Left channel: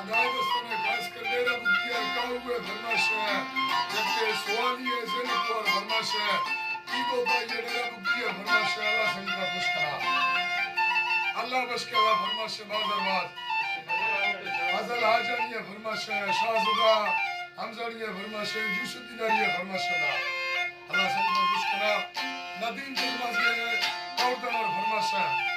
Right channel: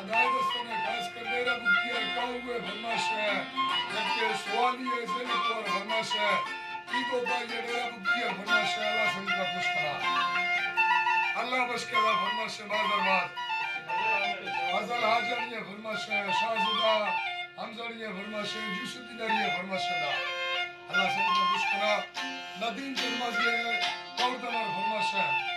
अदाय दोस्तों खास कर मेरा बुकिया काउए फरमाश है जबकि सवाली है जिन पर फरमाश है ईगो का ये मेरा बुकिया फरमाश है अल्लाह संग का खुश करा अल्लाह बस करा फरमाश है बादर बाद फजल हाजनी है फरमाश है शाहजुदा हमजानी है फरमाश है जुसुद्दीनारी है फरमाश है अल्लाह संग का खुश करा नदीम फरमाश है कौरदन और फरमाश है